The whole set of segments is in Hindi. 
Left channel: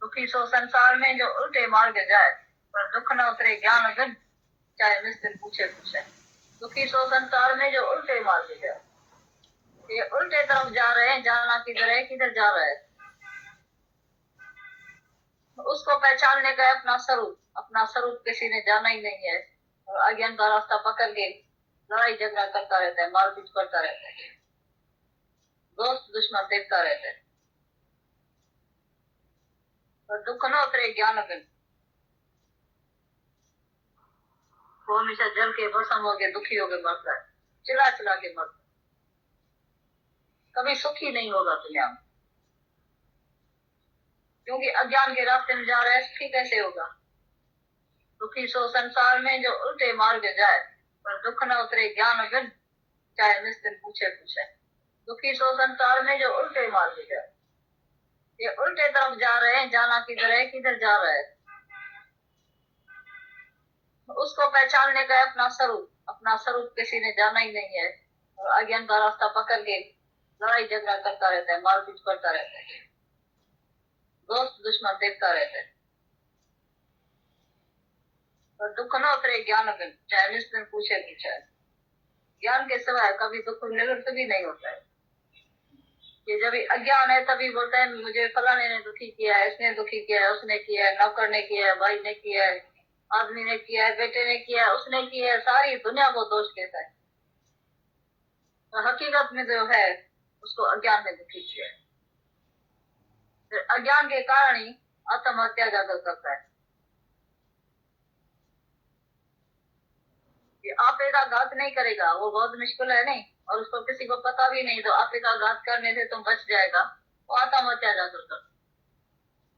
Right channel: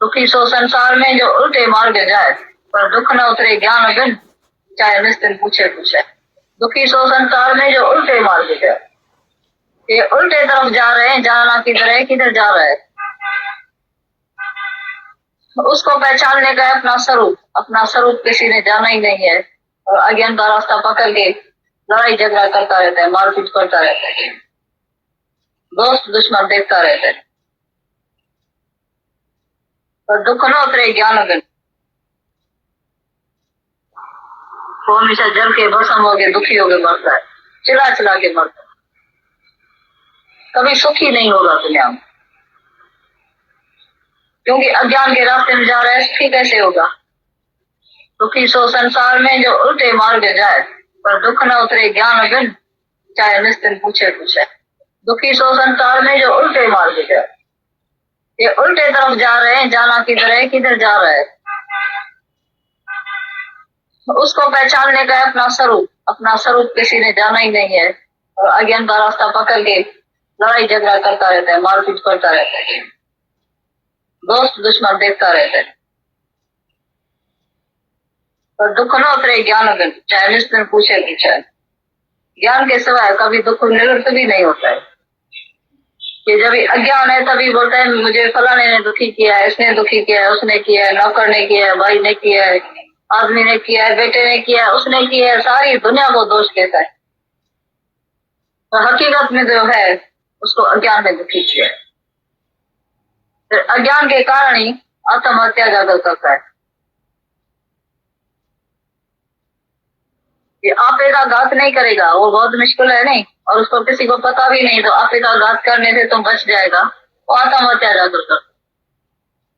दुखी सो संसार में जो उल्टे मार्ग जाए, पर दुख न उतरे ज्ञान बिन, चाहे निस्तिन पूछे पूछे। दुखी सो संसार में जो उल्टे मार्ग जाए, ये उल्टे तरफ जा रहे हैं, जाना किधर है, किधर जा रहा है। उसको पहचानने का अपना स्वरूप किसी ने जाना ही नहीं है, और अज्ञान का रास्ता पकड़ के लड़ाई झगड़ा करता रहता है, मारपीट करता रहता है, दोस्त दुश्मन देखता रहता है। पर दुख न उतरे ज्ञान बिन, वो हमेशा जल के भस्म हो गए, दुखी हो गए मरता है, चिल्ला चिल्ला के मरता है, कभी सुखी नहीं होगा दुनिया में, क्योंकि अज्ञान के रास्ते में जा रहा है, सुखी कैसे होगा। दुखी सो संसार में जो उल्टे मार्ग जाए, पर दुख न उतरे ज्ञान बिन, चाहे निस्तिन पूछे पूछे। दुखी सो संसार में जो उल्टे मार्ग जाए, ये उल्टे तरफ जा रहे हैं, जाना किधर है, किधर जा रहा है। उसको पहचानने का अपना स्वरूप किसी ने जाना ही नहीं है, और अज्ञान का रास्ता पकड़ के लड़ाई झगड़ा करता रहता है, मारपीट करता रहता है, दोस्त दुश्मन देखता रहता है। पर दुख न उतरे ज्ञान बिन, चाहे निस्तिन पूछे पूछे। ज्ञान के सिवाय कभी दुख निवृत्त भी नहीं होता है। कि जब अज्ञान है तभी बोलता है मुझे फलाने ने दुखी किया है, इसने दुखी किया है, उसने किया है, नौकर ने किया है, भाई ने किया है, आदमी ने किया है, बेटे ने किया है, उसने किया है, सारी दुनिया को दोष देता है। तो हकीकत में जो है उसको अज्ञान ने दुखी किया है। तो अज्ञान के कारण ही आत्महत्या ज्यादा करता है। ये आपे का घात नहीं करेगा, वो बहुत मुश्किल है नहीं, और उसको किसी को पता भी नहीं, तो आपे का घात करने से तुम बच जाएगा, वो आत्महत्या ज्यादा करता है।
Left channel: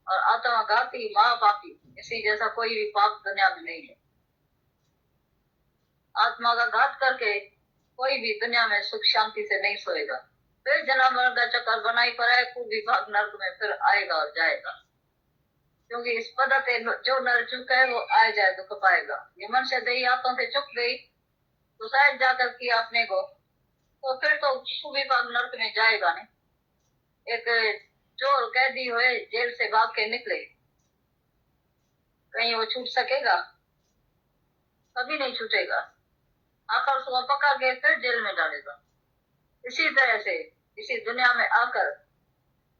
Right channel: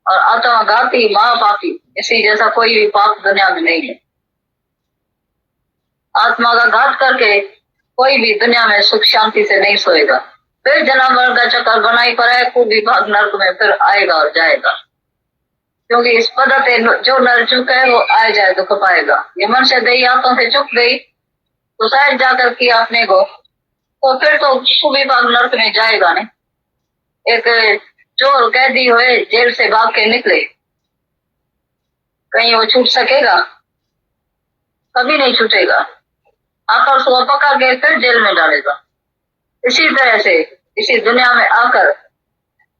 और आत्मघाती महापापी इसी जैसा कोई भी पाप दुनिया में नहीं है। आत्मा का घात करके कोई भी दुनिया में सुख शांति से नहीं सोएगा, फिर जन्म मरण का चक्कर बनाई पर है, खूब विभाग नर्क में फिर आएगा और जाएगा। क्योंकि इस पद्धति जो नर चुका है वो आए जाए दुख पाएगा। ये मनुष्य दही हाथों से चुक गई तो शायद जाकर किया अपने को, तो फिर तो खूब विभाग नर्क में जाएगा नहीं। एक चोर कैदी हुए जेल से भाग के निकले, कहीं वो छूट सकेगा? कभी नहीं छूटेगा। आकर उसको पकड़ के फिर जेल में डालेगा। इसी तरह से इसी दुनिया में आकर,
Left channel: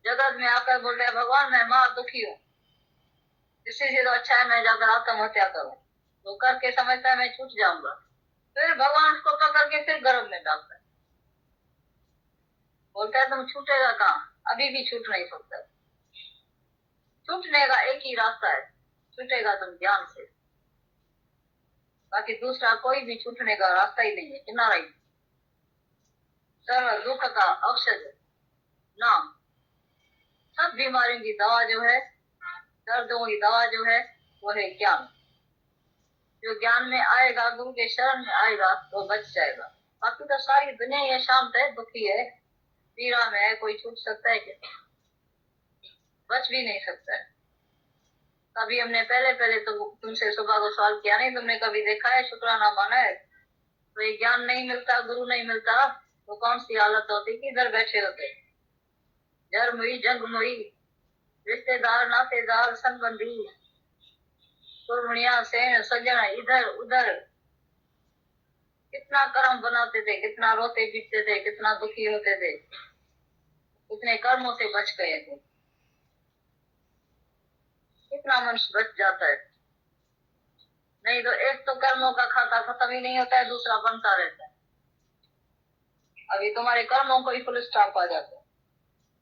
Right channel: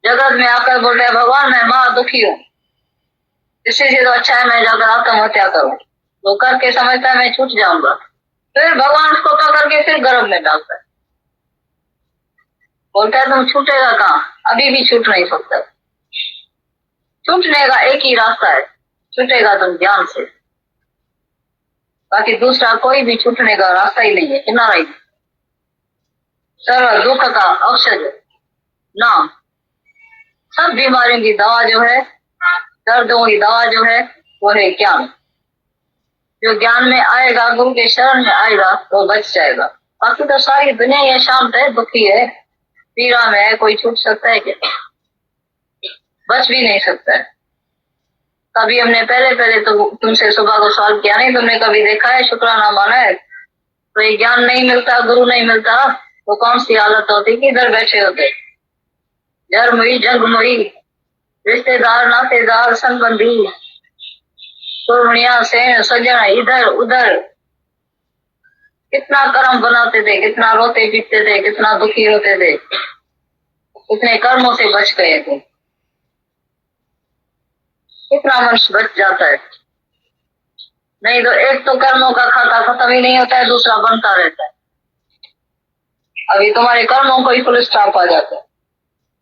जगत में आकर बोल रहे भगवान मैं महा दुखी हूँ, इससे तो अच्छा है मैं जाकर आत्महत्या करूं। वो करके समझता है मैं छूट जाऊंगा, फिर भगवान उसको पकड़ के फिर गर्भ में डालता है, बोलता है तुम छूटेगा कहाँ, अभी भी छूट नहीं सकता। छूटने का एक ही रास्ता है, छूटेगा तुम ज्ञान से, बाकी दूसरा कोई भी छूटने का रास्ता ही नहीं है, किनारा ही। सर्व दुख का औषध नाम, सब बीमारियों की दवा जो है, दर्दों की दवा जो है वो है ज्ञान। जो ज्ञान में आएगा, गुरु के शरण में आएगा तो बच जाएगा। बाकी तो सारी दुनिया ये शांत है, दुखी है, पीड़ा में है, कोई छूट सकता है क्या? बच भी नहीं सकता है। कभी हमने पहले तो तुमसे सुबह को सवाल किया नहीं, तुमने कभी देखा है शुक्राना माना है? तो ये ज्ञान नहीं मिलता, गुरु नहीं मिलता, तो कौन सी हालत होती कि इधर बैठे होते, जन्म हुई जंग हुई, रिश्तेदार नातेदार संबंधी से सज्जन इधर उधर, कितना कर्म बनाते थे, कितना रोते पीटते थे, कितना दुखी होते थे, कितने कर्मों से बच गए थे। कितना मनुष्य बच जाता है, नहीं तो एक तो कर्मों का खाता खत्म ही नहीं होता है, दूसरा बनता रहता है। अभी तुम्हारे कर्मों को ही फुल स्टॉप आ जाता है,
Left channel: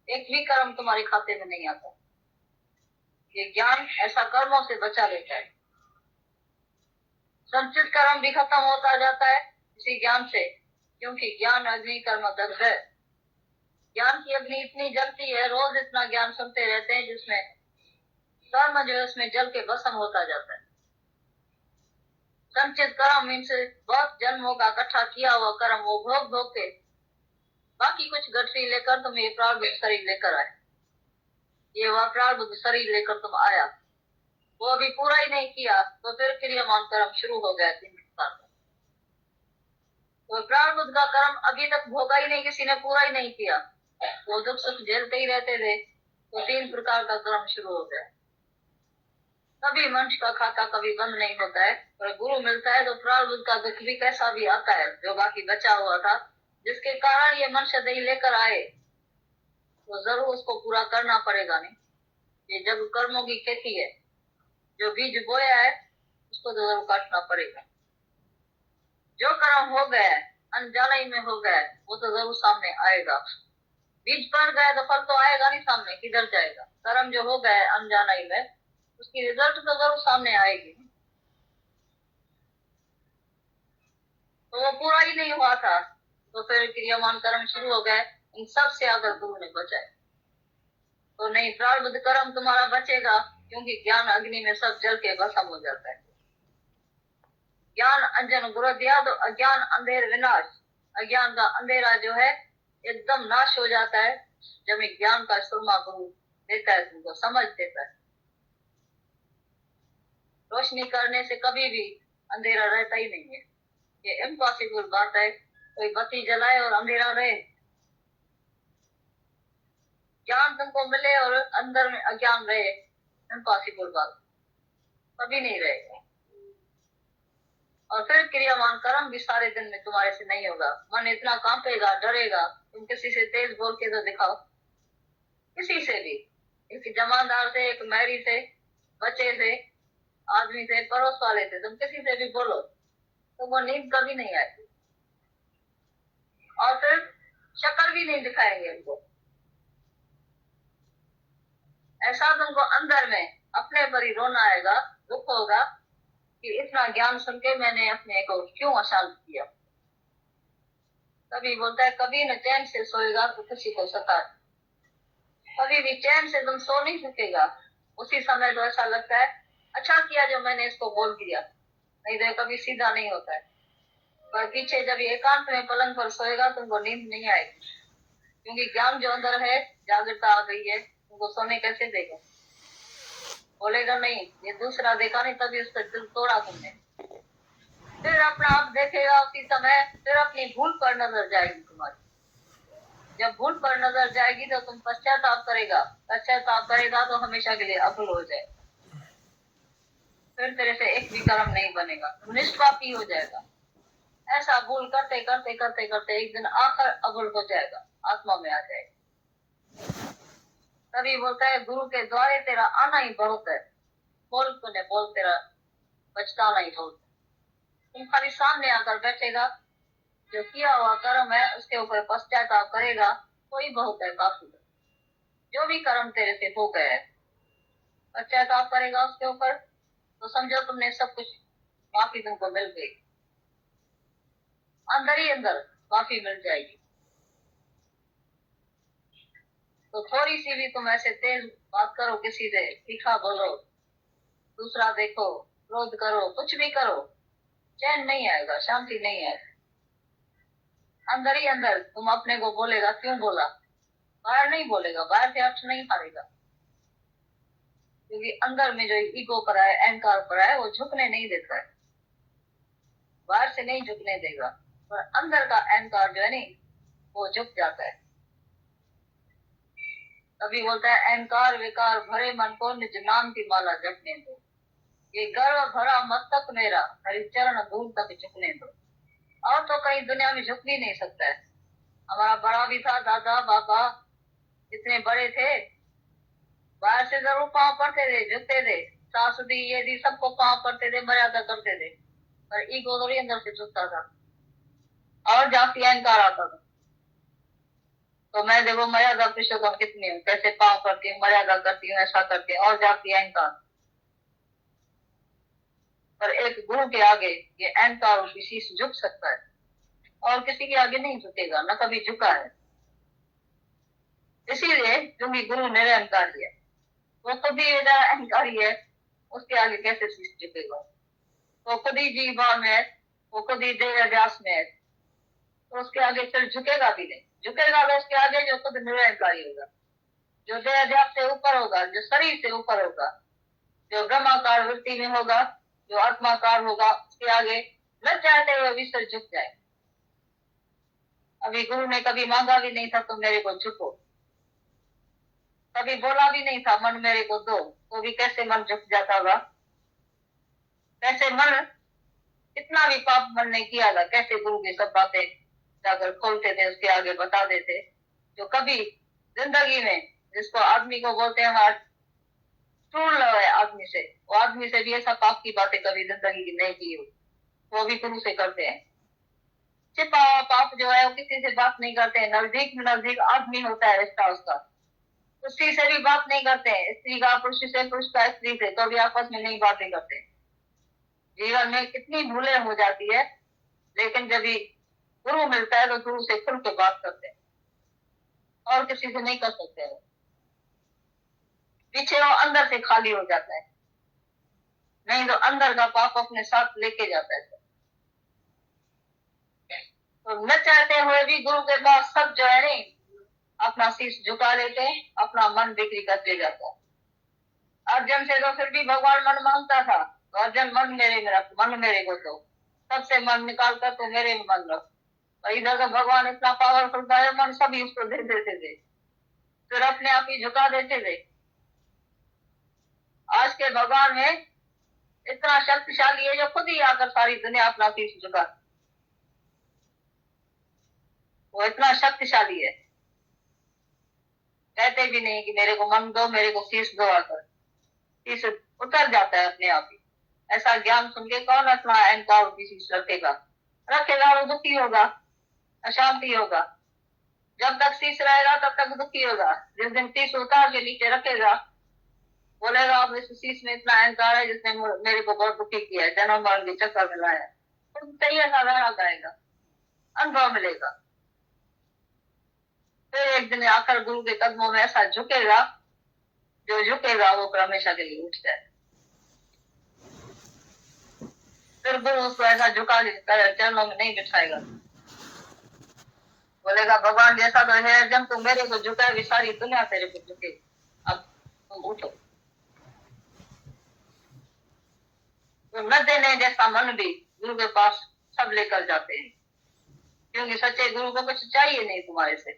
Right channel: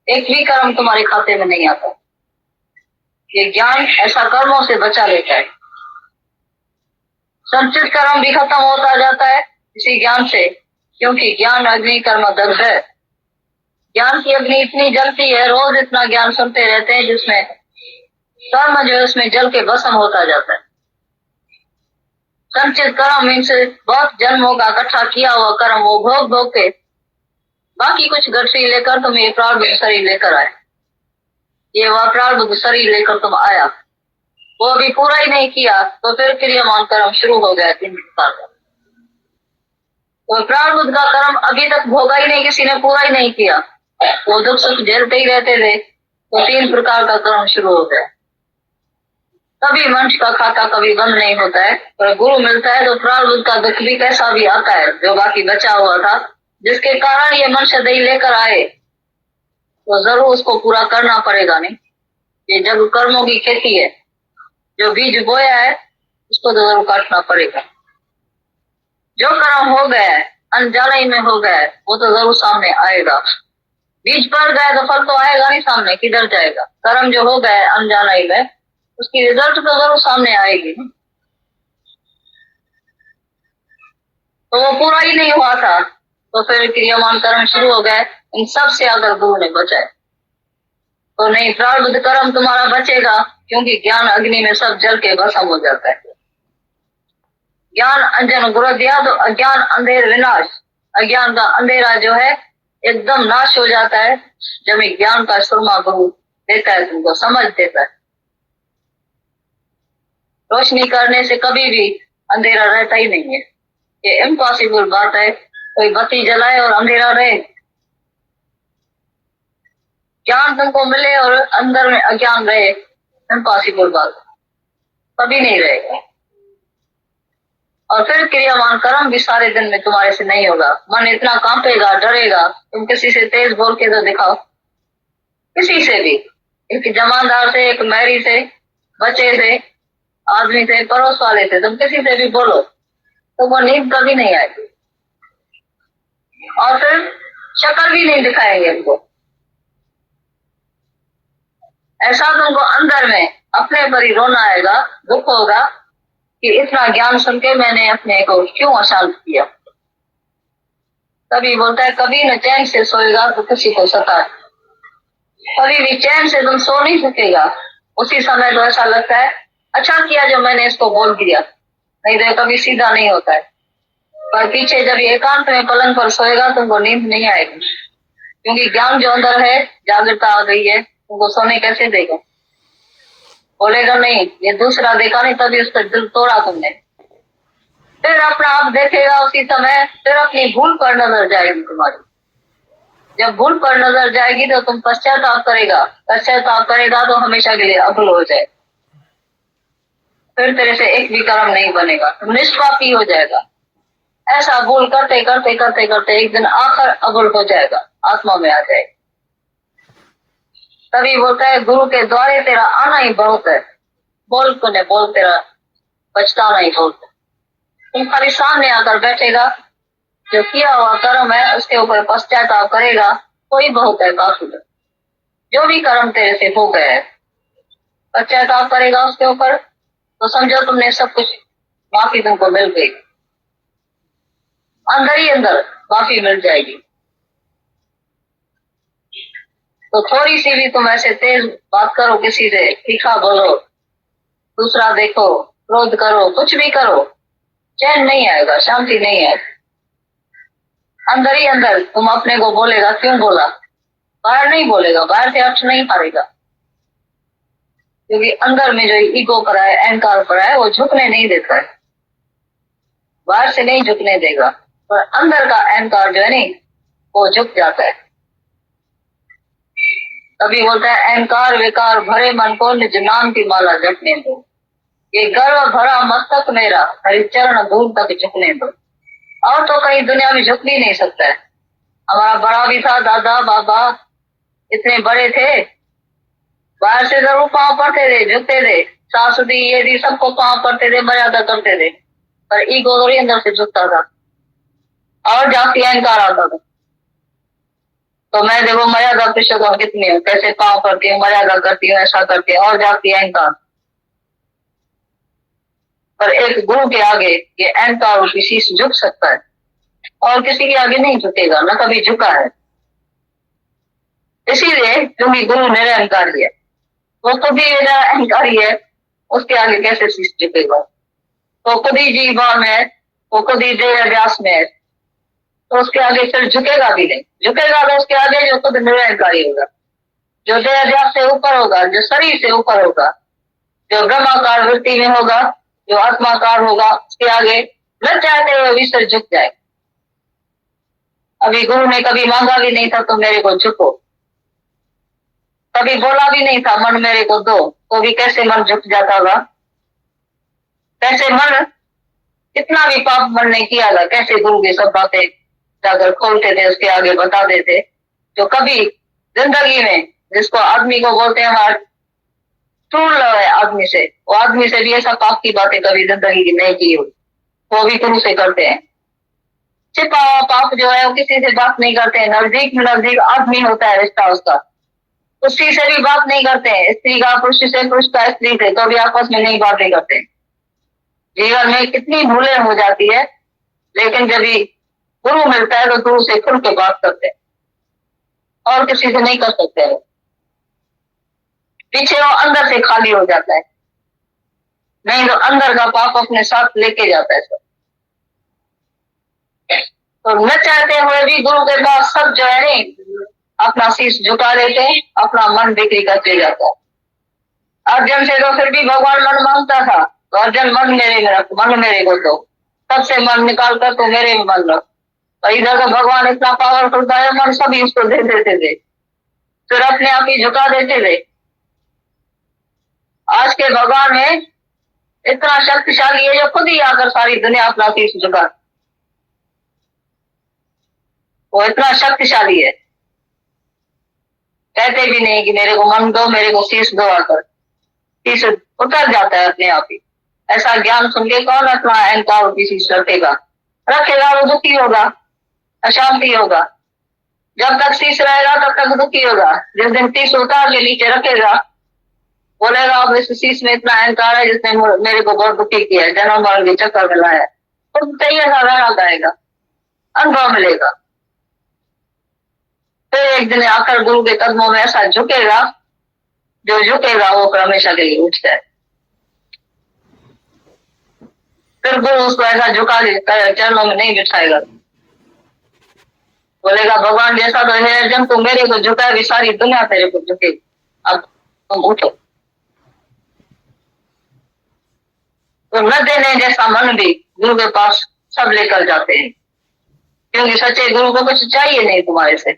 एक भी कर्म तुम्हारे खाते में नहीं आता। ये ज्ञान ऐसा कर्मों से बचा लेता है। संचित कर्म भी खत्म होता जाता है इसी ज्ञान से, क्योंकि ज्ञान अग्नि कर्म दग्ध है। ज्ञान की अग्नि इतनी जलती है, रोज इतना ज्ञान सुनते रहते हैं, जिसमें कर्म जो है उसमें जल के भस्म होता जाता है। संचित कर्म मीन्स बहुत जन्मों का इकट्ठा किया हुआ कर्म, वो भोग भोग के बाकी कुछ गठरी लेकर तुम ये प्रारब्ध शरीर लेकर आए, ये वह प्रारब्ध शरीर लेकर तुम आया, वो अभी पूरा ही नहीं किया तो फिर क्रियामान कर्म शुरू हो गया 3 प्रकार का। तो प्रारब्ध का कर्म अभी तक भोगा ही नहीं, किसी ने पूरा ही नहीं किया, वो दुख सुख झेलते ही रहते थे, तो 3 प्रकार का कर्म शुरू हो गया। कभी मनुष्य का खाता कभी बंद नहीं होता है, पर गुरु मिलता है तो प्रारब्ध का दुख भी कैसा भी आता है जो बाकी बचा हुआ था, जिसके कारण ये मनुष्य दही लेकर आए, तो जरूर उसको पूरा करना पड़ेगा। नहीं, ये जब कर्मों की खेती है, जो बीज बोया है उसको तो जरूर काटना पड़ेगा। जो कर्म हो गया है, अनजाने में हो गया है, वो तो जरूर सामने आएगा। बीज पड़ गया तो फल तो आएगा नहीं सामने, किधर जाएगा? कर्म जो हो गया है अनजाने में, उसकी रिजल्ट तो जरूर सामने आएगी। तो वो पूरा ही नहीं हुआ था, तो फिर क्रियामान कर्म शुरू हो गए। इन सब से अगर गुरु ने बचाए तो नहीं, प्रारब्ध कर्म तुम्हारा बचेगा, क्योंकि ज्ञान अग्नि में सब जल के भस्म हो जाता है। ज्ञान अंजन गुरु दिया तो अज्ञान अंधेर विनाश, अज्ञान का अंधेरा जो है एकदम नाश हो जाता है जब ज्ञान का सुरमा गुरु देता है, तुमको समझ देता है। रोशनी करने से कभी भी अंधेरा रहता ही नहीं है, ये इम्पॉसिबल बात है। कोई बत्ती जलाए और अंधेरा रहे? ज्ञान तुमको मिले और अंदर में अज्ञान रहे, इम्पॉसिबल बात, कभी नहीं रहेगा। और फिर क्रियामान कर्म भी सारे दिन में तुम्हारे से नहीं होगा। मन इतना कांपेगा, डरेगा। तुम किसी से तेज बोल के तो दिखाओ, किसी से भी, एक जमानदार से, एक मैरी से, बच्चे से, आदमी से, पड़ोस वाले से, तुम किसी से भी बोलो तो वो नींद कभी नहीं आएगी। और फिर शक्ल भी नहीं दिखाएंगे उनको। ऐसा तुमको अंदर में अपने पर ही रोना आएगा, दुख होगा कि इतना ज्ञान सुन के मैंने अपने को क्यों अशांत किया। कभी बोलता है कभी न चैन से सोएगा तो किसी को सता, कभी भी चैन से तुम सो नहीं सकेगा। उसी समय तो ऐसा लगता है अच्छा किया जो मैंने इसको बोल दिया, नहीं तो कभी सीधा नहीं होता है। पर पीछे जब ये एकांत में पलंग पर सोएगा तुमको नींद नहीं आएगी, क्योंकि ज्ञान जो अंदर है, जागृता आ गई है, तुमको सोने कैसे देगा? बोलेगा नहीं, ये दूसरा देखा नहीं तभी उसका दिल तोड़ा तुमने। फिर अपना आप देखेगा उसी समय, फिर अपनी भूल पर नजर जाएगी तुम्हारी। जब भूल पर नजर जाएगी तो तुम पश्चाताप करेगा, पश्चाताप करेगा तो हमेशा के लिए अभूल हो जाए। फिर तेरे से एक भी कर्म नहीं बनेगा, तुम निष्पापी हो जाएगा। ऐसा भूल करते करते करते करते एक दिन आखिर अभूल हो जाएगा, आत्मा में आ जाएगा। तभी बोलता है गुरु के द्वारे तेरा आना ही बहुत है, बोल को ने बोल तेरा पछताना ही बहुत है। तुम खाली सामने आकर बैठेगा, जो किया हुआ कर्म है उसके ऊपर पश्चाताप करेगा, कोई बहुत है, काफी है। जो भी कर्म तेरे से हो गया है पश्चाताप करेगा उसके ऊपर, तो समझो तुमने सब कुछ माफी तुमको मिल गई, अंदर ही अंदर माफी मिल जाएगी। तो थोड़ी सी भी तुम ऐसे तेज बात करो, किसी से तीखा बोलो, दूसरा देखो, क्रोध करो, कुछ भी करो, चैन नहीं आएगा, शांति नहीं आएगी। अंदर ही अंदर तुम अपने को बोलेगा क्यों बोला, बाहर नहीं बोलेगा, बाहर से अर्थ नहीं पाएगा, क्योंकि अंदर में जो ईगो पड़ा है, अहंकार पड़ा है, वो झुकने नहीं देता है। बाहर से नहीं झुकने देगा, पर अंदर का अहंकार जो है नहीं, वो झुक जाता है। तभी बोलता है अहंकार विकार भरे मन को निज नाम की माला जपने दो, ये गर्व भरा मस्तक मेरा हरिचरण दूर तक झुकने दो। और तो कहीं दुनिया में झुक भी नहीं सकता है। हमारा बड़ा भी था, दादा बाबा इतने बड़े थे, बाहर से जरूर पांव पड़ते थे, झुकते थे, सास दी ये दी सबको पांव पड़ते थे, मर्यादा करते थे, पर ईगो थोड़ी अंदर से झुकता था और जाति अहंकार आता था। तो मैं देखो मर्यादा पुरुषोत्तम कितनी हूँ, कैसे पांव पड़ती हूँ, मर्यादा करती हूँ, ऐसा करती हूँ, और जाति अहंकार। पर एक गुरु के आगे ये अहंकार और किसी से झुक सकता है, और किसी के आगे नहीं झुकेगा, न कभी झुका है। इसीलिए क्योंकि गुरु निरअहंकारी है, वो खुद ही अहंकारी है, उसके आगे कैसे शीश झुकेगा? तो खुद ही जीवन है, वो खुद ही देह अभ्यास में है, तो उसके आगे फिर झुकेगा भी नहीं। झुकेगा तो उसके आगे जो खुद निरअहंकारी होगा, जो देह अभ्यास से ऊपर होगा, जो शरीर से ऊपर होगा, जो ब्रह्माकार वृत्ति में होगा, जो आत्माकार होगा, उसके आगे न चाहते हुए भी सिर झुक जाए। अभी गुरु ने कभी मांगा भी नहीं था तो मेरे को झुको, कभी बोला भी नहीं था मन मेरे को दो, तो भी कैसे मन झुक जाता था। कैसे मन, कितना भी पाप मन ने किया था, कैसे गुरु की सब बातें जाकर खोलते थे, उसके आगे बता देते। जो कभी जिंदगी में, जिसको आदमी को बोलते हैं हार्ट टूट रहा है आदमी से, वो आदमी से भी ऐसा पाप की बातें कभी जिंदगी की नहीं की हुई, वो भी गुरु से करते हैं। छिपा हुआ पाप जो है वो किसी से बात नहीं करते हैं। नजदीक में नजदीक आदमी होता है रिश्ता उसका, उसकी से भी बात नहीं करते हैं। स्त्री का पुरुष से, पुरुष का स्त्री से, तो भी आपस में नहीं बातें करते। जीवन में कितनी भूलें हो जाती है, लेकिन जब भी गुरु मिलता है तो गुरु से खुल के बात करते हैं, और किसी से नहीं कर सकते हैं। पीछे वो अंदर से खाली हो जाता है, नहीं तो अंदर का पाप अपने साथ लेके जाता है सब। तो न चाहते हुए भी गुरु के पास सब जो है नहीं अपना शीश झुका देते हैं, अपना मन बिक्री करते जाता है। अर्जुन से तो फिर भी भगवान मन मांगता था, तो अर्जुन मन मेरे में रख, मन मेरे को दो, सबसे मन निकाल कर तो मेरे में मन रख। और इधर तो भगवान इतना पावरफुल था, मन सभी उसको दे देते थे, फिर अपने आप ही झुका देते थे। आज के भगवान में इतना शक्तिशाली है जो खुद ही आकर सारी दुनिया अपना शीश झुका, वो इतना शक्तिशाली है। कहते भी नहीं कि मेरे को मन दो, मेरे को शीश दो, आकर शीश उतर जाता है अपने आप ही। ऐसा ज्ञान सुन के कौन अपना अहंकार की शीश रखेगा? रखेगा वो दुखी होगा, अशांति होगा। जब तक शीश रहेगा तब तक दुखी होगा। जिस दिन शीश उतार के नीचे रखेगा, बोलेगा अब इस शीश में इतना अहंकार है जिसने मेरे को बहुत दुखी किया है, जन्म मरण के चक्कर में लाया है, तो चाहिए रहना जाएगा, अनुभव मिलेगा। फिर एक दिन आकर गुरु के कदमों में ऐसा झुकेगा, जो झुकेगा वो हमेशा के लिए उठ जाए। फिर गुरु उसको ऐसा झुका चरणों में नहीं बिठाएगा, बोलेगा भगवान जैसा तो है, जब तू मेरे को झुका भी सारी दुनिया तेरे को झुके, अब तुम उठो। तो न देने जैसा मन भी गुरु के पास सब लेकर जाते हैं, क्योंकि सच्चे गुरु को कुछ चाहिए नहीं तुम्हारे से।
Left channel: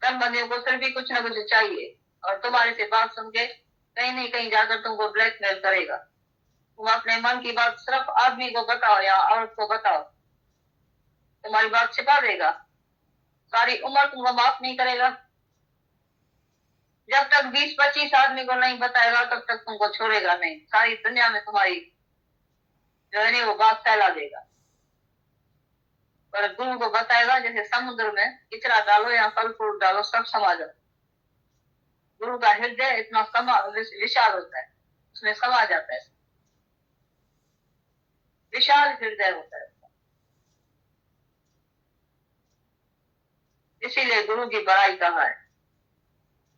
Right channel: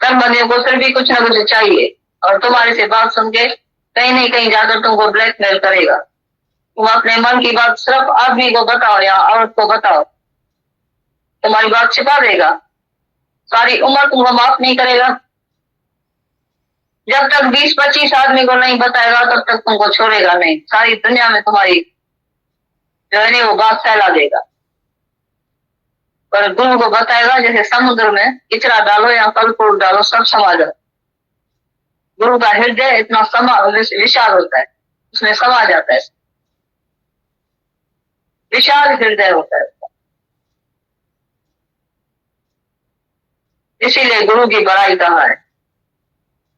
कर्म बंदियों को फिर भी कुछ ना कुछ चाहिए, और तुम्हारे से बात सुन के कहीं नहीं कहीं जाकर तुमको ब्लैकमेल करेगा। तुम अपने मन की बात सिर्फ आदमी को बताओ या औरत को बताओ, तुम्हारी बात छिपा देगा, सारी उम्र तुमको माफ नहीं करेगा। जब तक 20-25 आदमी को नहीं बताएगा तब तक तुमको छोड़ेगा नहीं, सारी दुनिया में तुम्हारी जो है वो बात फैला देगा। पर गुरु को बताएगा, जैसे समुद्र में किचरा डालो या फल फूल डालो सब समा जाए। गुरु का हृदय इतना विशाल होता है, उसमें समा जाता है, विशाल हृदय होता है। इसीलिए गुरु की बड़ाई कहा है,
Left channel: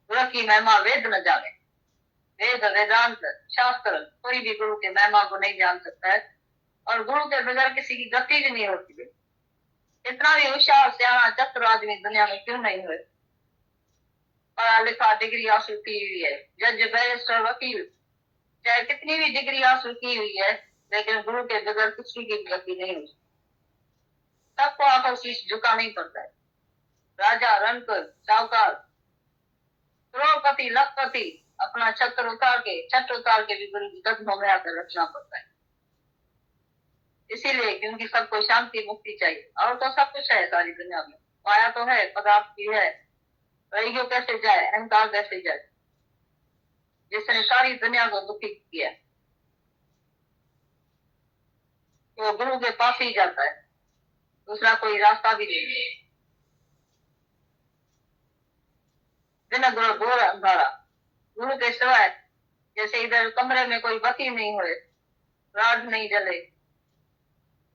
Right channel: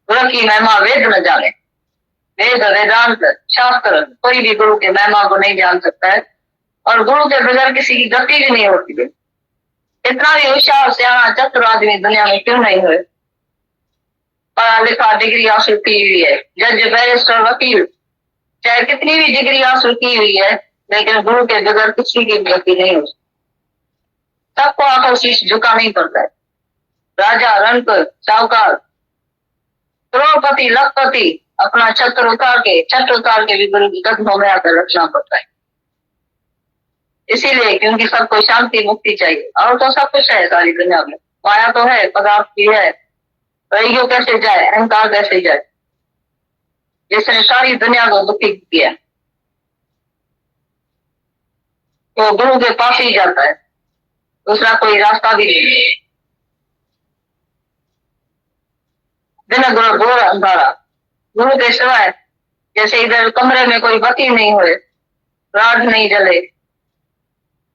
गुरु की महिमा वेद न जाने। वेद वेदांत शास्त्र कोई भी गुरु के महिमा को नहीं जान सकता है, और गुरु के बगैर किसी की गति भी नहीं होती है। इतना भी होशियार सियाना चतुर आदमी दुनिया में क्यों नहीं हुए, पढ़ा लिखा डिग्री हासिल की हुई है, जज बैरिस्टर वकील, चाहे कितनी भी डिग्री हासिल की हुई है, लेकिन गुरु के बगैर किसी की गति नहीं हो सकती। सबको आकर शीश झुकाना ही पड़ता है। राजा, रणकर, साहूकार, करोड़पति, लखपति अपना छत उतार के भी गुरु के कदमों में आकर रखना पड़ता है। इसीलिए क्योंकि सबको शांति मुक्ति चाहिए, और तो सब कुछ है सारी दुनिया में, माया तो है, पदार्थ भी है, ईगो कैसे जाए, अहंकार कैसे जाए, जिसने सारी दुनिया को दुखी किया, तो गुरु के पास ही जाता है, दूसरा कोई रास्ता भी नहीं है। बिना गुरु घोर अंधारा, गुरु के सिवाय जैसे इधर कमरे में कोई बत्ती नहीं हुए, राड नहीं जले,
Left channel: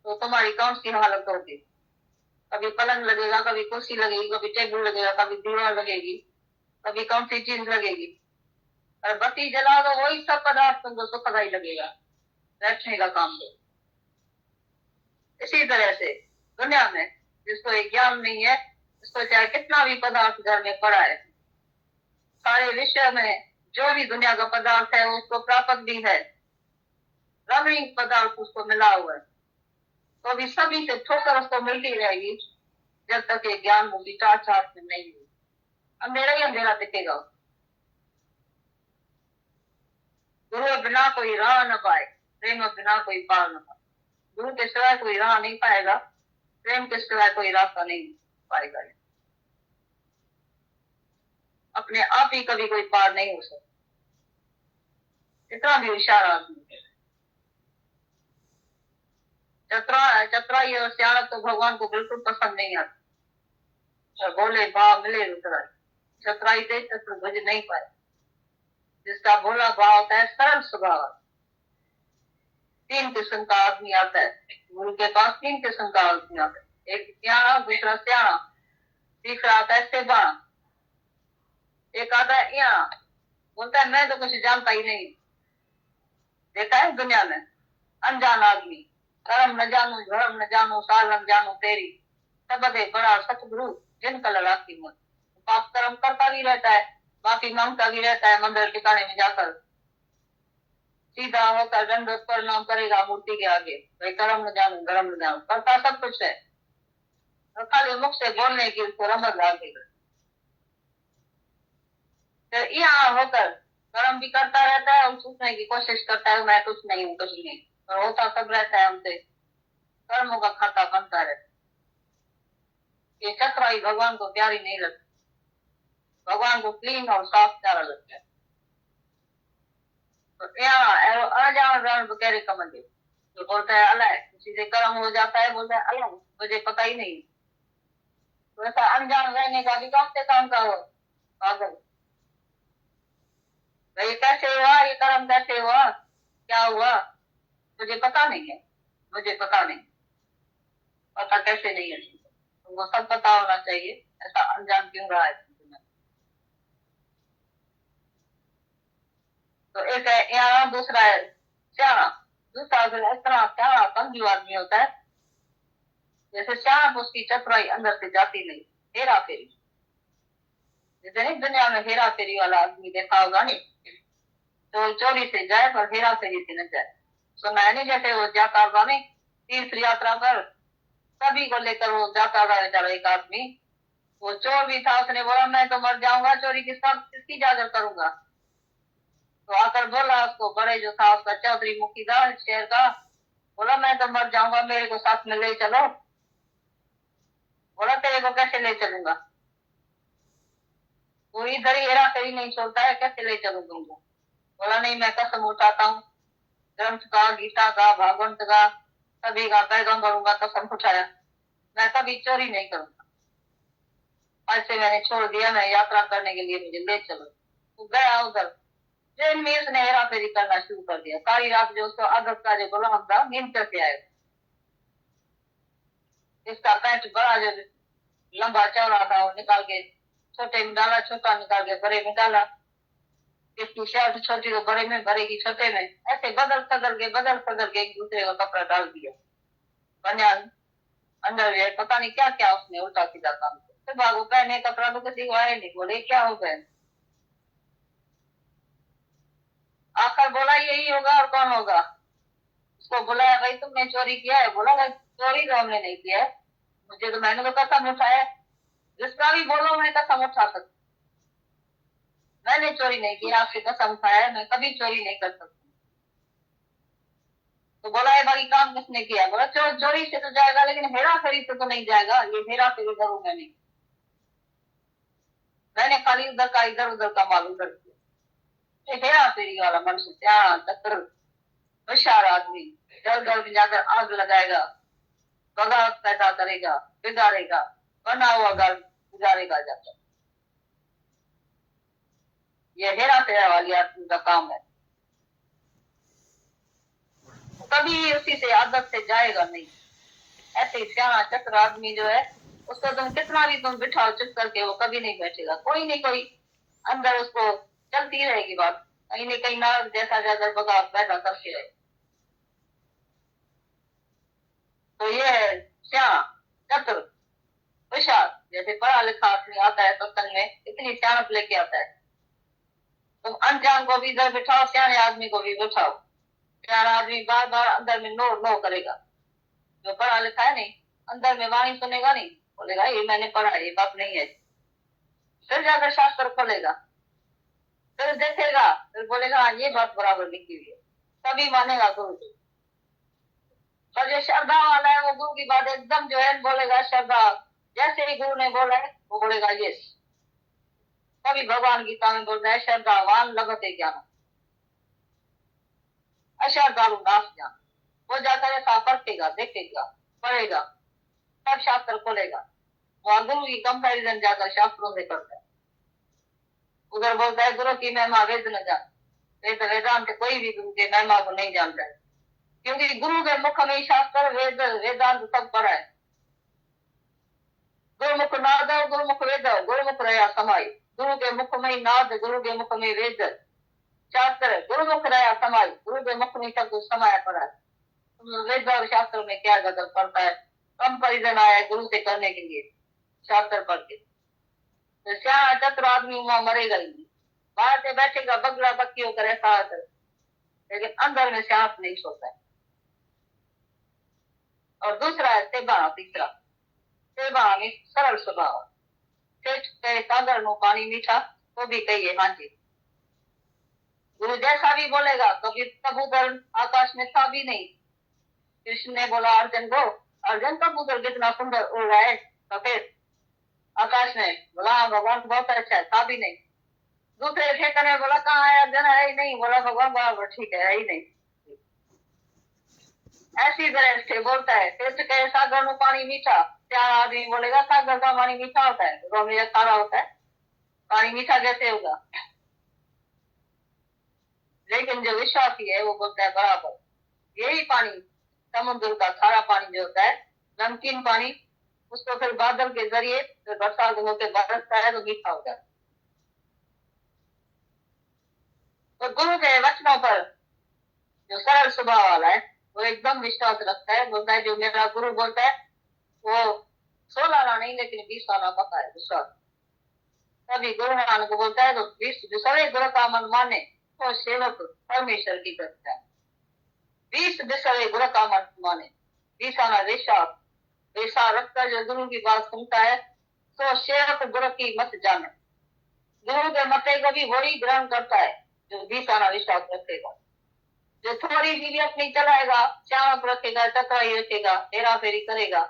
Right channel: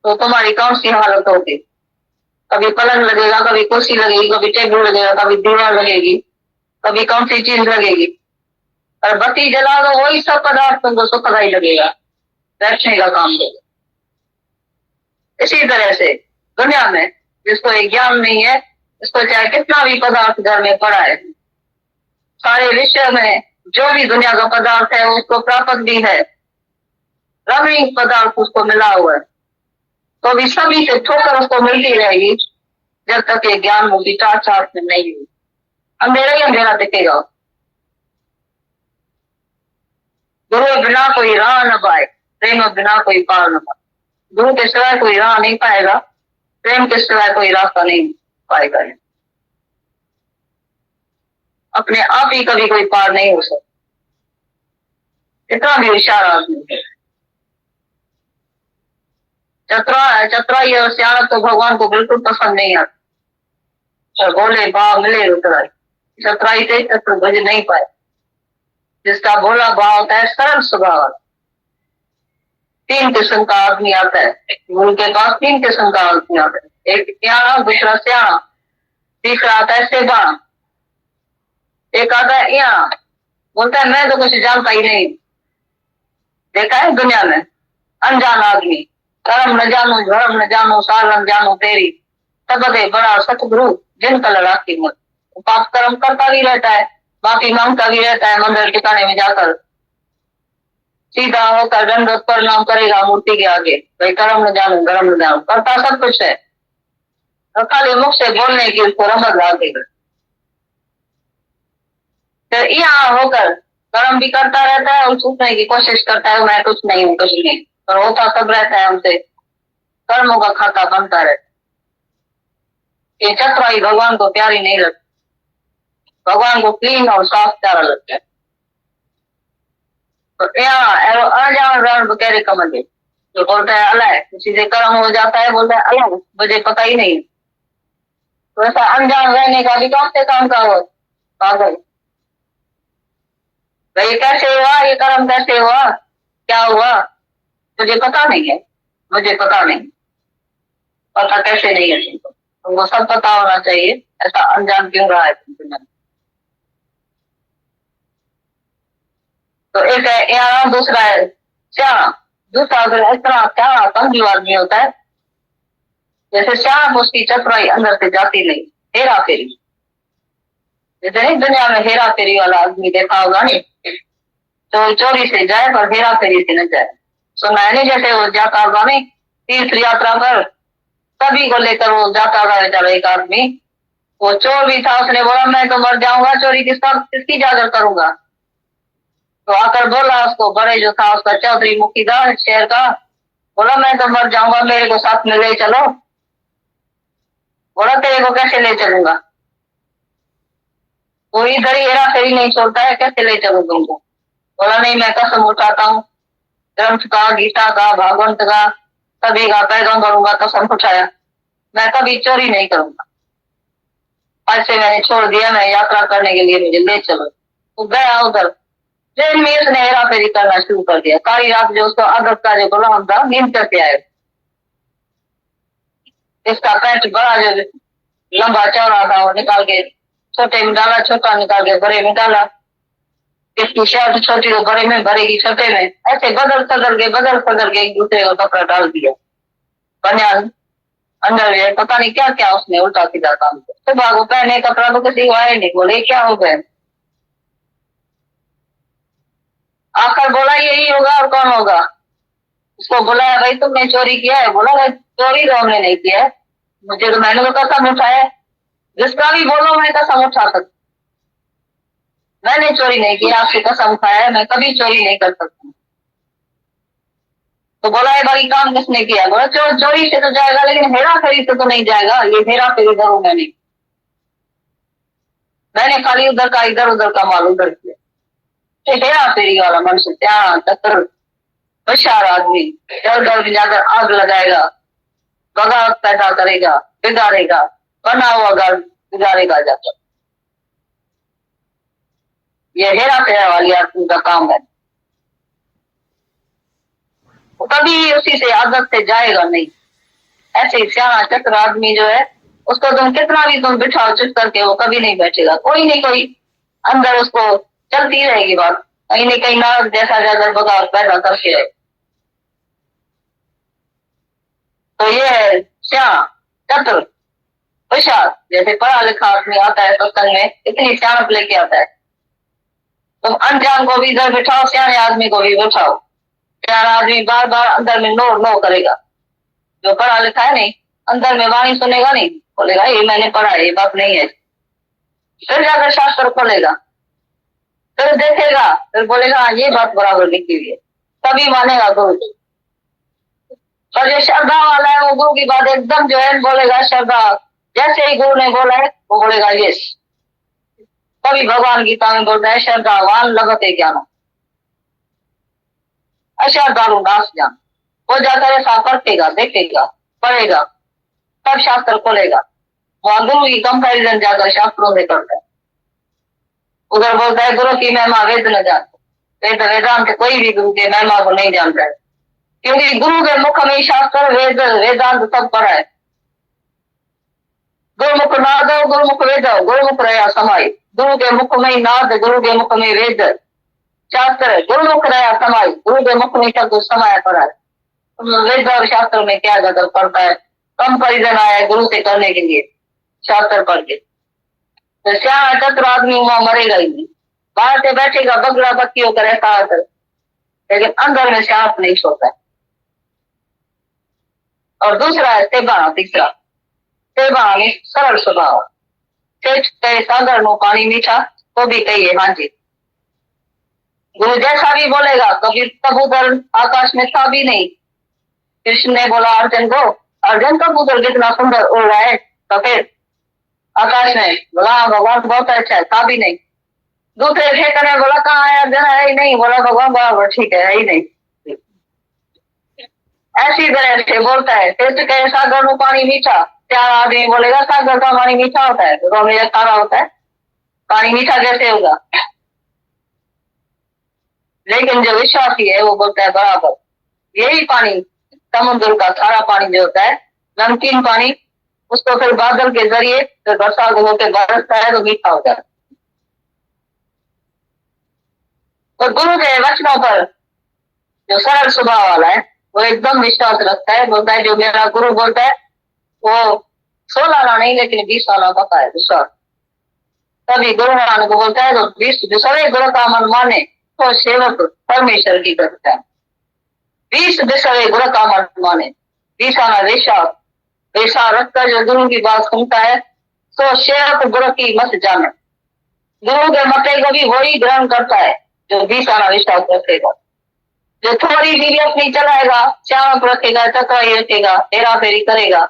तो तुम्हारी कौन सी हालत होगी? कभी पलंग लगेगा, कभी कुर्सी लगेगी, कभी टेबल लगेगा, कभी दीवार लगेगी, कभी कौन सी चीज लगेगी। और बत्ती जला दो वही सब पदार्थ तुमको सुखदायी लगेगा, बैठने का काम देगा। इसी तरह से दुनिया में जिसको एक ज्ञान नहीं है, इसको चाहे कितना भी पदार्थ घर में पड़ा है, सारे विश्व में जो भी दुनिया का पदार्थ है उसको प्राप्त भी है, रमणीय पदार्थ उसको मिला हुआ है, तो भी सभी से ठोकर उसको मिलती रहेगी जब तक ये ज्ञान मुक्ति चार में नहीं हुई। अंधेरा ही अंधेरा दिखेगा। गुरु बिना कोई राह न पाए, प्रेम बिना कोई पार न पाए। गुरु के सिवाय कोई राह नहीं पाएगा, प्रेम के सिवाय कोई रास्ता नहीं पाएगा। अपने आप ही कभी कोई पार नहीं हो सकता, इतना भी होशियार आदमी है। चतुराई और सियाणत तो भगवान को बिल्कुल पसंद नहीं आता। और बोले भाव मिले रुतराई, चतुराई से चतुर भज नहीं पाए। जिसका भोला भाव होता है, सरल स्वभाव, 3 किस्म का आदमी आता है गुरु के पास। 3 किस्म का आदमी आता है, एक सियाणा, दूसरा सियाणा, तीसरा आता है सेबाणा। एक आता है यहाँ, बोलता है मैं तो कुछ जानता ही नहीं। देखा है दुनिया में अनजान आदमी, कर्म न जानो धर्म न जानो साधन जानो तेरी, तब दे बड़ा सतगुरु जिन कल राखी मत। पाप कर्म करता भी रहता है, माफी मांगता भी रहता है, मंदिर ठिकाने में जाकर सीधा होकर दंडवत प्रणाम करेगा मूर्ति के आगे, भाई कर्म न जानो धर्म न जानो, करता सब कुछ है, और खाली मुख से बोलने की उसको रमत लागेगा। फिर यहाँ होकर कर्म भी करता रहता है और सूखने की कोशिश करता है, मैं कुछ नहीं हूँ, कुछ नहीं, पर होता सब रहता है हमसे, कर्मों का खाता बनता रहता है। ये चतुराई भगवान को प्यारी नहीं लगती, भगवान को क्लीन और साफ प्यारा लगता है। तो यहाँ अनजान रण बकेरे कमल, जो बोलता है अल्लाह, किसी से कर्म हो जाता है, बोलता है अल्लाह मुझे पता ही नहीं। तो ऐसा अनजान रहने का भी कौन से काम का हो पागल, ये कैसे हुआ, ये कर्म कैसे हुआ, क्या हुआ, मुझे पता नहीं है, मुझे पता नहीं, पता कैसे नहीं है तुमको सब पता होना चाहिए, ऐसा अनजान क्यों रहा है तुमको। तो एक है यहाँ, दूसरा है श्याम। दूसरा अगर इस तरह क्या कंजू आदमी होता है, जैसे श्याम, उसकी चतुराई अंदर से जाती नहीं, हेरा फेरी, जैसे नहीं दुनिया में हेरा फेरी वाला आदमी देखा होगा नहीं, तो चोरी से जाए पर हेरा फेरी से न जाए। सुना है नहीं, जैसे वो जाता होगा नहीं तीर्थ यात्रा पर, सभी को लेकर वो जाता होगा बेचारा एक आदमी, वो चोर भी था, उसने बोला मैं तो मर जाऊंगा, चोरी किसकी जाकर करूंगा। तो आकर बोला उसको, बड़े जो था उसका चौधरी मुखीदार शहर का, बोला मैं तो मर जाऊंगा, मेरे को साथ में ले चलो। बोला तेरे को कैसे ले चलूंगा, वो इधर ही हेरा फेरी नहीं छोड़ता है, कैसे ले चलूं तुमको। बोला नहीं, मैं कसम उठाता हूँ, ग्रंथ का, गीता का, भागवत का, सभी का पैगंबरों का कसम उठाया, मैं कभी चोरी नहीं करूंगा। आज से मैंने छोड़ दिया, मैं यात्रा करने के लिए मुझे ले चलो। तो गया उधर, ट्रेन में उसने हेरा फेरी करना शुरू कर दिया। सारी रात जो उसको आदत का जो गुलाम था, नींद करके आए। इसका पैंट बड़ा जो लंबा चौड़ा था, वो निकाल के छोटे में डाला, छोटा निकाल के बड़े में डाला, इसकी शर्ट छोटी को बड़े में, भरेगी छोटे में, ऐसे बदल सदल के एक दूसरे को कपड़ा डाल दिया। बनियान अंडरवियर, पता नहीं क्या क्या उसने उल्टा सीधा काम किया। सुबह को पहने कपड़ा तो किसी को आए नहीं, बोले क्या हो गए। आकर बोला यही होगा और कौन होगा। उसको बुलाया, भाई तुमने चोरी किया है। बोला भाई चोरी तो हमने नहीं किया है, मुझे तो मैंने तो कसम उठाया, जिसका भी बोलो मैं कसम उठा सकता, मैंने चोरी नहीं किया, आपसे कसम उठाया है, मैं कभी चोरी नहीं कर सकता। तो बोला है बाकी काम किसने किया। बोला चोरी से तो जाएगा, लेकिन हेरा फेरी से तो नहीं जाएगा, ये हेरा फेरी करूं मैंने खाली उधर का इधर उधर का माल उधर किया। हेरा फेरी वाला मनुष्य, त्याग चतुर होशियार आदमी, इधर उधर भी जाकर आग लगाएगा, बगावत पैदा करेगा, बिगाड़ेगा, बना हुआ घर बिगाड़ेगा जाकर। ये हेरा फेरा वाली आदमी का काम है, कभी उसी से आदत से जाएगा नहीं। ऐसे सियाना चक्र आदमी जो है, उसको तुम कितना भी तुम बिठाओ चुप करके, वो कभी नहीं बैठेगा। कोई नहीं कोई अंदर उसको चलती रहेगी बात, कहीं न कहीं नारद जैसा जाकर बगावत पैदा करके रहे। तो ये है सियाना चतुर होशियार। जैसे पढ़ा लिखा आदमी आता है सत्संग में, इतनी सियानत लेके आता है। तुम अनजान को भी इधर बिठाओ, सियाने आदमी को भी बिठाओ, सियाना आदमी बार बार अंदर में नो नो करेगा। जो पढ़ा लिखा है नहीं, अंदर में वाणी सुनेगा नहीं, बोलेगा ये मैंने पढ़ा है, ये बात नहीं है। फिर जाकर शास्त्र खोलेगा, फिर देखेगा, फिर बोलेगा ये बात बराबर लिखी हुई है। तभी मानेगा गुरु की। और जो श्रद्धा वाला है वो गुरु की बात एकदम जो है बोलेगा, श्रद्धा जैसे ही गुरु ने बोला है वो बोलेगा यस। तभी भगवान गीता में बोलता है श्रद्धावान लभते ज्ञान, अश्रद्धालु नाश ज्ञान। वो जाकर ऐसा परखेगा, देखेगा, पढ़ेगा, तब शास्त्र खोलेगा। वहां गुरु की कंपैरिजन जाकर शास्त्रों से करता है। उधर बोलता है गुरु की महिमा वेद न जानते, वेद वेदांत कोई भी गुरु के महिमा को नहीं जानता है, क्योंकि गुरु के मुख में शास्त्र वेद वेदांत सब पढ़ा है। गुरुमुख नाद गुरुमुख वेद गुरुमुख रहा समाई, गुरु के मुख में नाद, गुरु के मुख में वेद शास्त्र, गुरुमुख रहा समाई, गुरु के मुख में सब कुछ समाया पड़ा है। वेद और शास्त्र में क्या गदर पड़ता है, कंपैरिजन आया है गुरु से करने के लिए शास्त्र पढ़ के। तो श्याम चतुर आदमी वहां मरेगा ही नहीं, बाहर से बैठेगा बगड़ा बक्की होकर ऐसा आकर, लेकिन अंदर में श्याम नहीं सोता है। और दूसरा है सेबाना, तीसरा सेबाना में सरल स्वभाव, कहे सागर नो पानी मीठा तो भी कहिए हाँ जी। गुरु जैसा भी बोलेगा, कभी कबूतर आकाश में था भी नहीं। कृष्ण ने बोला अर्जुन को, अर्जुन कबूतर कितना सुंदर उड़ रहा है, तो फिर आकाश में बोला भगवान बहुत अच्छा है, था भी नहीं। दूसरे ठेकर ने बोला कहाँ है अर्जुन, है ही नहीं। बोला भगवान बराबर ठीक है ही नहीं। ऐसी तरह से बोलता है। फिर कहे सागर में पानी मीठा, चार आदमी बोलेगा सागर का पानी मीठा होता है, तो मेरा खारा होता है, पानी मीठा कैसे होगा। लेकिन जो विश्वासी है वो बोलता है बराबर, यही पानी समुद्र का खारा पानी जो होता है, नमकीन पानी, उसको फिर बादल के जरिए फिर बरसात होकर बरसता है तो मीठा हो जाता है। तो गुरु के वचनों पर जो सरल स्वभाव वाला है वो एकदम विश्वास रखता है, बोलता है जो मेरा गुरु बोलता है वो 16 आना नहीं लेकिन 20 आना पता है विश्वास। तभी गुरु नानक को बोलता है तो 20 जो सभी गुरु का मन माने तो सेवक परमेश्वर की करता है। 20 बिसरे गुरु का मन माने, 20 आना विश्वास वैसा रखकर जो गुरु की बात सुनता है तो सेवक गुरु की मत जाने। गुरु के मते को भी वही ग्रहण करता है जो 20 आना विश्वास रखेगा। जो थोड़ी भी अपनी चलाएगा, चाप रखेगा, चकवाई रखेगा, हेरा फेरी करेगा,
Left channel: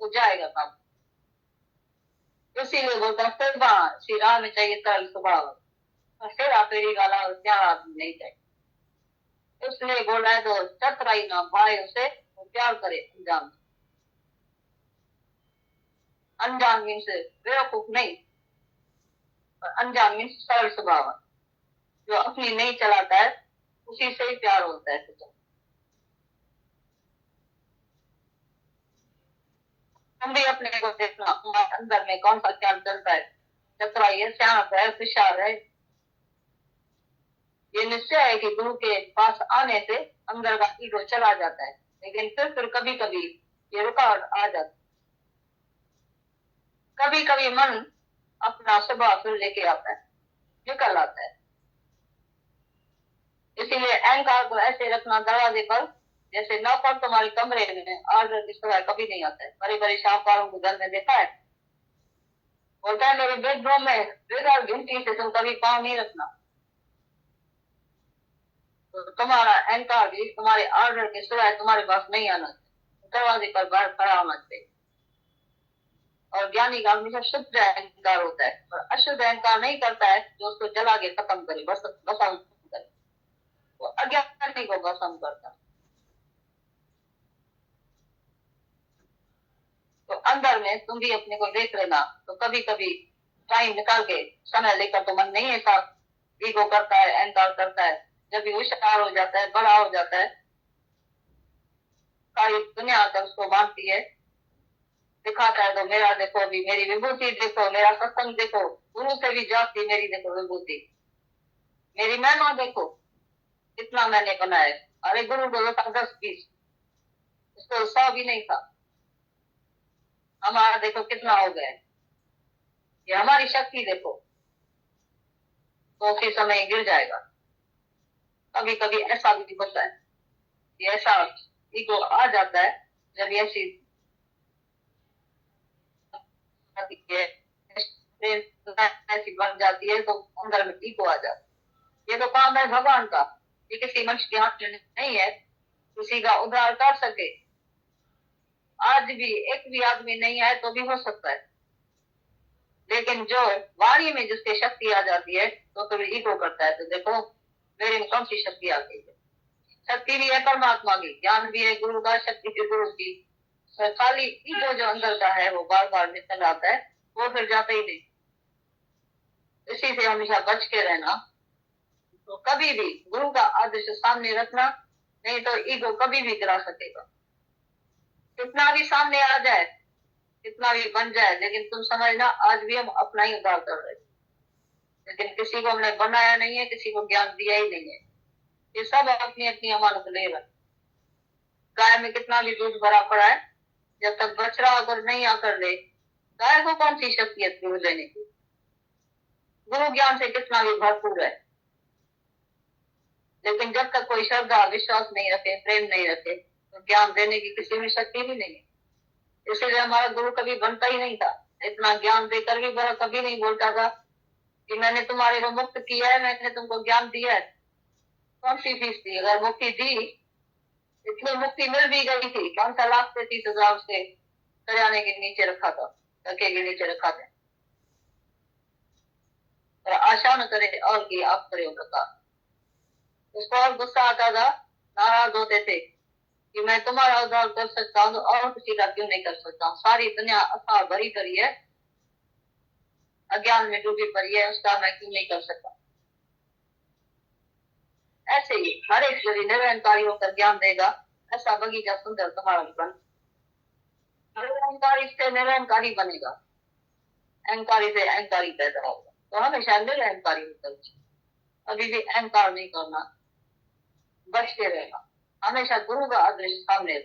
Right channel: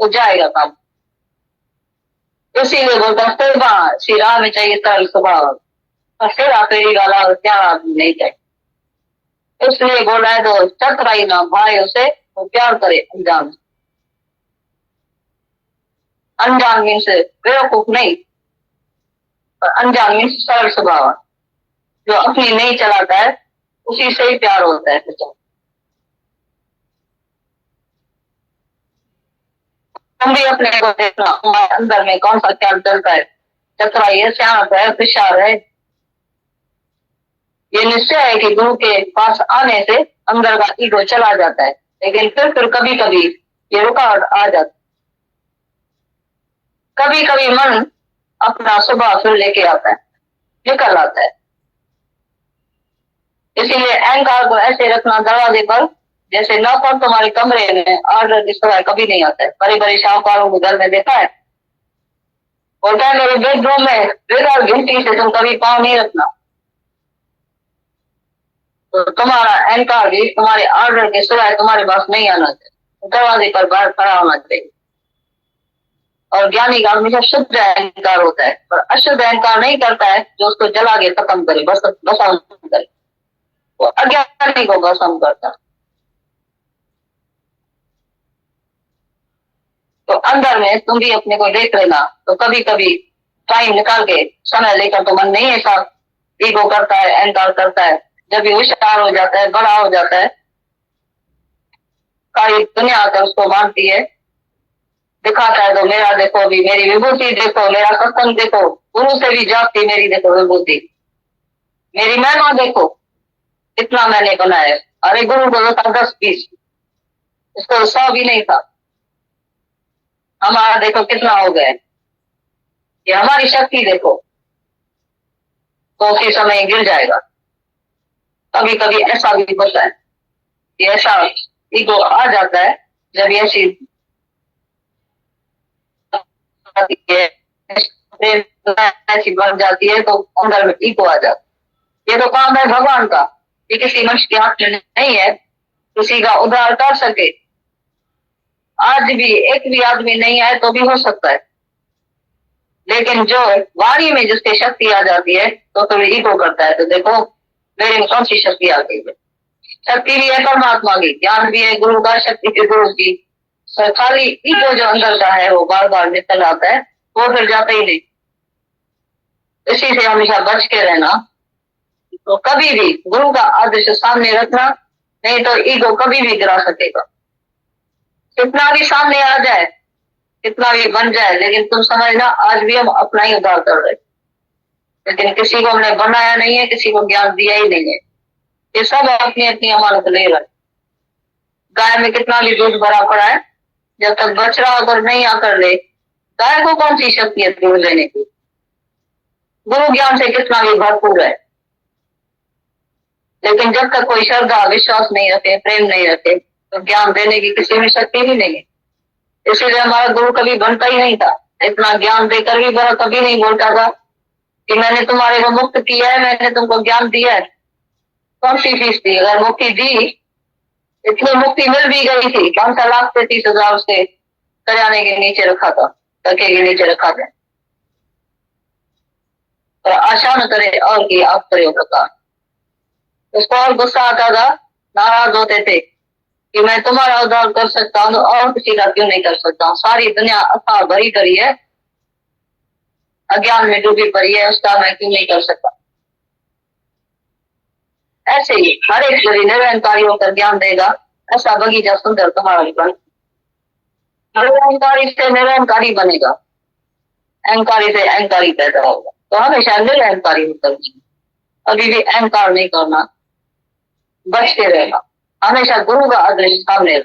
वो जाएगा काम। इसीलिए बोलता है श्री राम में चाहिए सरल स्वभाव, और हेरा फेरी वाला क्या नहीं चाहिए। इसलिए बोल रहा है तो चकराई ना भाई उसे तो प्यार करे अनजान। अनजान मीन्स बेवकूफ नहीं, और अनजान मीन्स सरल स्वभाव। जो अपनी नहीं चलाता है उसी से ही प्यार होता है। तुम भी अपने को देखना अंदर में कौन सा ख्याल चलता है, चतुराई है, शांत है, विशाल है। ये निश्चय है कि गुरु के पास आने से अंदर का ईगो चला जाता है, लेकिन फिर कभी कभी ये रुकावट आ जाती। कभी कभी मन अपना स्वभाव फिर लेके आता है, निकल आता है। इसीलिए अहंकार को ऐसे रखना दरवाजे पर, जैसे नौकर तुम्हारे कमरे में ऑर्डर की सवाल कभी नहीं आता है। बड़े बड़े शाहूकारों को घर में देखा है, बोलता है मेरे बेडरूम में बिना घंटी से तुम कभी पाँव नहीं रखना। तो तुम्हारा अहंकार भी तुम्हारे ऑर्डर के सिवाय तुम्हारे पास नहीं आना चाहिए, दरवाजे पर बाहर खड़ा होना चाहिए। और ज्ञानी का हमेशा शुद्ध अहंकार होता है, और अशुद्ध अहंकार नहीं करता है जो उसको जला के खत्म करे, बस भस्म करे। वो अज्ञानी को भस्म करता। तो अंदर में तुम भी अपने को देख लेना, तो कभी कभी टाइम निकाल के समय लेकर, तो मन नहीं ऐसा ईगो करता है, अहंकार करता है। जब ये होशियार हो जाता है, बड़ा हो जाता है, सारी दुनिया आकर उसको मानती है, दिखाता है तो मेरा देखो भी, मेरी विभूति देखो, मेरा सत्संग देखो, गुरु से भी जाती मेरी देखो विभूति, मेरी महिमा देखो, इतना मैंने बनाया। अरे गुरु को था 10-20, इसको 100 भी नहीं था। हमारा देखो कितना हो गया, ये हमारी शक्ति देखो, तो उसी समय गिर जाएगा। कभी कभी ऐसा भी होता है, ऐसा ईगो आ जाता है जब ऐसी ऐसी बन जाती है, तो अंदर में ईगो आ जाता है। ये तो काम है भगवान का, ये किसी मनुष्य के हाथ में नहीं है किसी का उद्धार कर सके। आज भी एक भी आदमी नहीं आए तो भी हो सकता है, लेकिन जो वाणी में जिसकी शक्ति आ जाती है तो फिर ईगो करता है। तो देखो मेरे में कौन सी शक्ति आ गई है? शक्ति भी है परमात्मा की, ज्ञान भी है गुरु का, शक्ति भी गुरु की। पर खाली ईगो जो अंदर का है वो बार बार निकल आता है, वो फिर जाता ही नहीं। इसी से हमेशा बच के रहना। तो कभी भी गुरु का आदर्श सामने रखना, नहीं तो ईगो कभी भी गिरा सकेगा। कितना भी सामने आ जाए, कितना भी बन जाए, लेकिन तुम समझना आज भी हम अपना ही उद्धार कर रहे, लेकिन किसी को हमने बनाया नहीं है, किसी को ज्ञान दिया ही नहीं है। ये सब अपनी अपनी अमानत ले रहे। गाय में कितना भी दूध भरा पड़ा है, जब तक बछड़ा अगर नहीं आकर ले, गाय को कौन सी शक्ति है दूध लेने की? गुरु ज्ञान से कितना भी भरपूर है, लेकिन जब तक कोई श्रद्धा विश्वास नहीं रखे, प्रेम नहीं रखे, तो ज्ञान देने की किसी में शक्ति ही नहीं है। इसीलिए हमारा गुरु कभी बनता ही नहीं था। इतना ज्ञान देकर भी बड़ा कभी नहीं बोलता था कि मैंने तुम्हारे को मुक्त किया है, मैंने तुमको ज्ञान दिया है। कौन सी फीस दी? अगर मुक्ति दी, इतनी मुक्ति मिल भी गई थी, 5,30,000 से करियाने के नीचे रखा था, तके के नीचे रखा था। और आशा न करे और की आप करे प्रकार। उसको और गुस्सा आता था, नाराज होते थे कि मैं तुम्हारा उद्धार कर सकता हूँ और किसी का क्यों नहीं कर सकता हूँ? सारी दुनिया अथाह भरी करी है, अज्ञान में डूबी पड़ी है, उसका मैं क्यों नहीं कर सकता? ऐसे ही हर एक यदि निरंकारी होकर ज्ञान देगा, ऐसा बगीचा सुंदर तुम्हारा जीवन। निरंकारी से निरंकारी बनेगा, अहंकारी से अहंकारी पैदा होगा। तो हमेशा निरंकारी होकर अभी भी अहंकार नहीं करना, बच के रहना, हमेशा गुरु का आदर्श सामने